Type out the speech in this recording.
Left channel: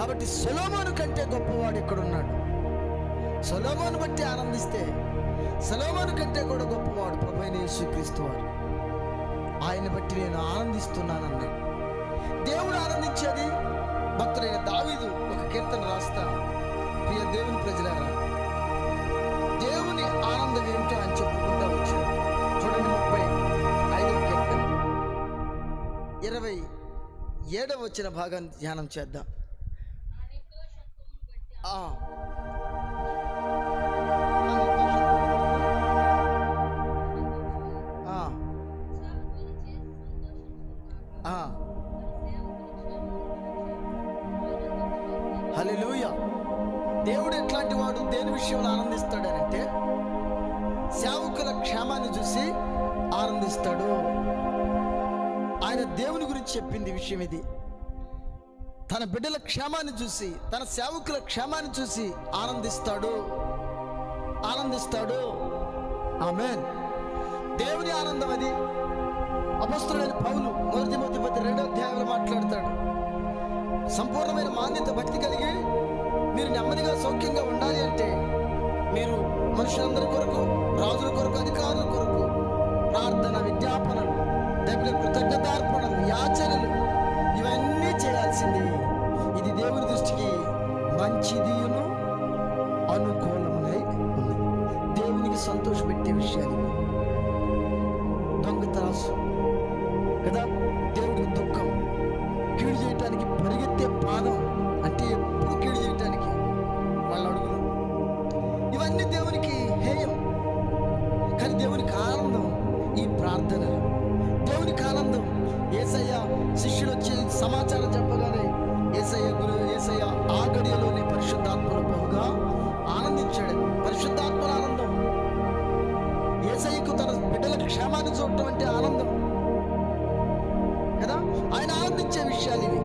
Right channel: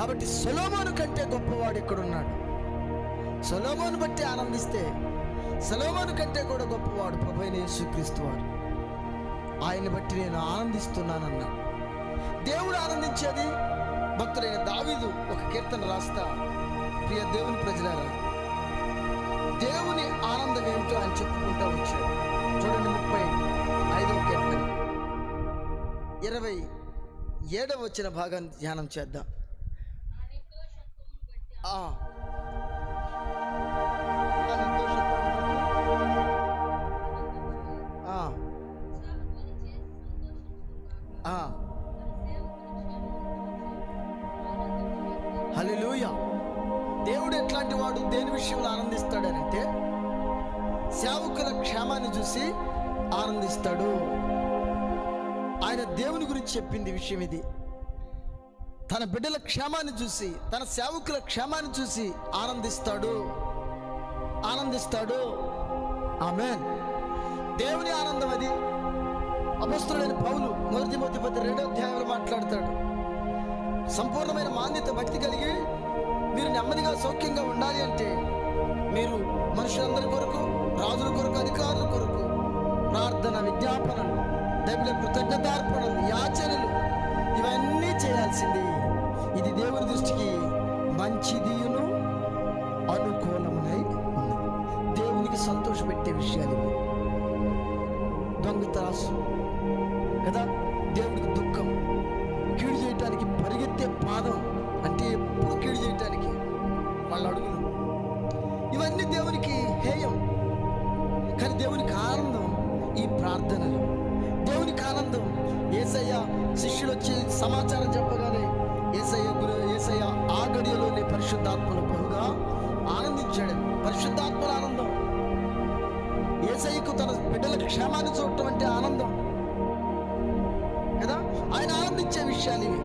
కాబట్టి సొలొమోను కంటే గొప్పవాడు ఇక్కడున్నాడు. సొలొమోను బట్టి ఆనందిస్తే సొలొమోను కంటే కూడా గొప్పవాడు ప్రభువైన యేసుక్రీస్తు వారు. ఆయన బట్టి నేను ఆనందిస్తున్నానన్నా. దేవుడు ఆనందించేది. భక్తుడైన దావీదు ఒక కీర్తన రాస్తా, ప్రియ దేవుని ప్రజలారా, దేవుని ఆనందం ఏమిటో అని చెప్పుకుంటూ వచ్చాడు. చూడండి 35వ కీర్తన 27వ వచ్చిన భాగాన్ని ధ్యానం చేద్దాం. హల్లెలూయా. దేవుడు ఎట్లాంటి వాడు, దేని విషయంలో ఆనందిస్తాడనంటే సేవకుల క్షేమాన్ని చూసి ఆనందిస్తాడు. ఆయన దేవుని గురించి చెప్పింది విషయం ఇది. తన బిడ్డల క్షేమాన్ని చూసి, తన సేవకుల క్షేమాన్ని చూసి ఆనందిస్తాడు. ఆమేన్. దేవుని ఆనందం అది. అపొస్తలుడైన పౌలు 1 తిమోతి 2వ అధ్యాయంలో మాట్లాడతాడు. సంపూర్ణమైన మాన్యత భక్తి కలిగి మీరు నెమ్మదిగా సౌఖ్యంగా ఉండాలి అంటే మీరు మనుషులందరి కొరకు, రాజుల కొరకు, అధికారుల కొరకు ప్రార్థన, విజ్ఞాపనలు, దైవ కృతజ్ఞతార్పణలు, యాచనలు ఇవన్నీ చేయాల్సింది. ఇది దేవుని దృష్టికి మంచిదియును అనుకూలమునై ఉన్నది. దేవునికి సంతోషపెట్టే విషయాలు ఇవి. దొంగతనాసు కదా, దేవుడికి దుఃఖం, కీడు చేయటానికి పరిగెత్తే పాదం అంటే ఎప్పుడు కీడు చేయటానికి వాళ్ళ అడుగులు, ఇవన్నీ దేవునికి హేయం. కానీ దేవునికి ఆనందం ఈ ప్రార్థనలు. దేవునికి ఆనందం యేసయ్య శిష్యులు వచ్చి సమాచారం చెప్పగానే యేసయ్య ఆ గడియలోనే పరిశుద్ధాత్మలో బహుగా ఆనందించాడు. పరిశుద్ధాత్మల ఆనందం. యేసయ్యకు తన బిడ్డల క్షేమాన్ని చూడటం అంటే ఆనందం కదా. ఆయన ఆనందించే విషయాలు ఇవి.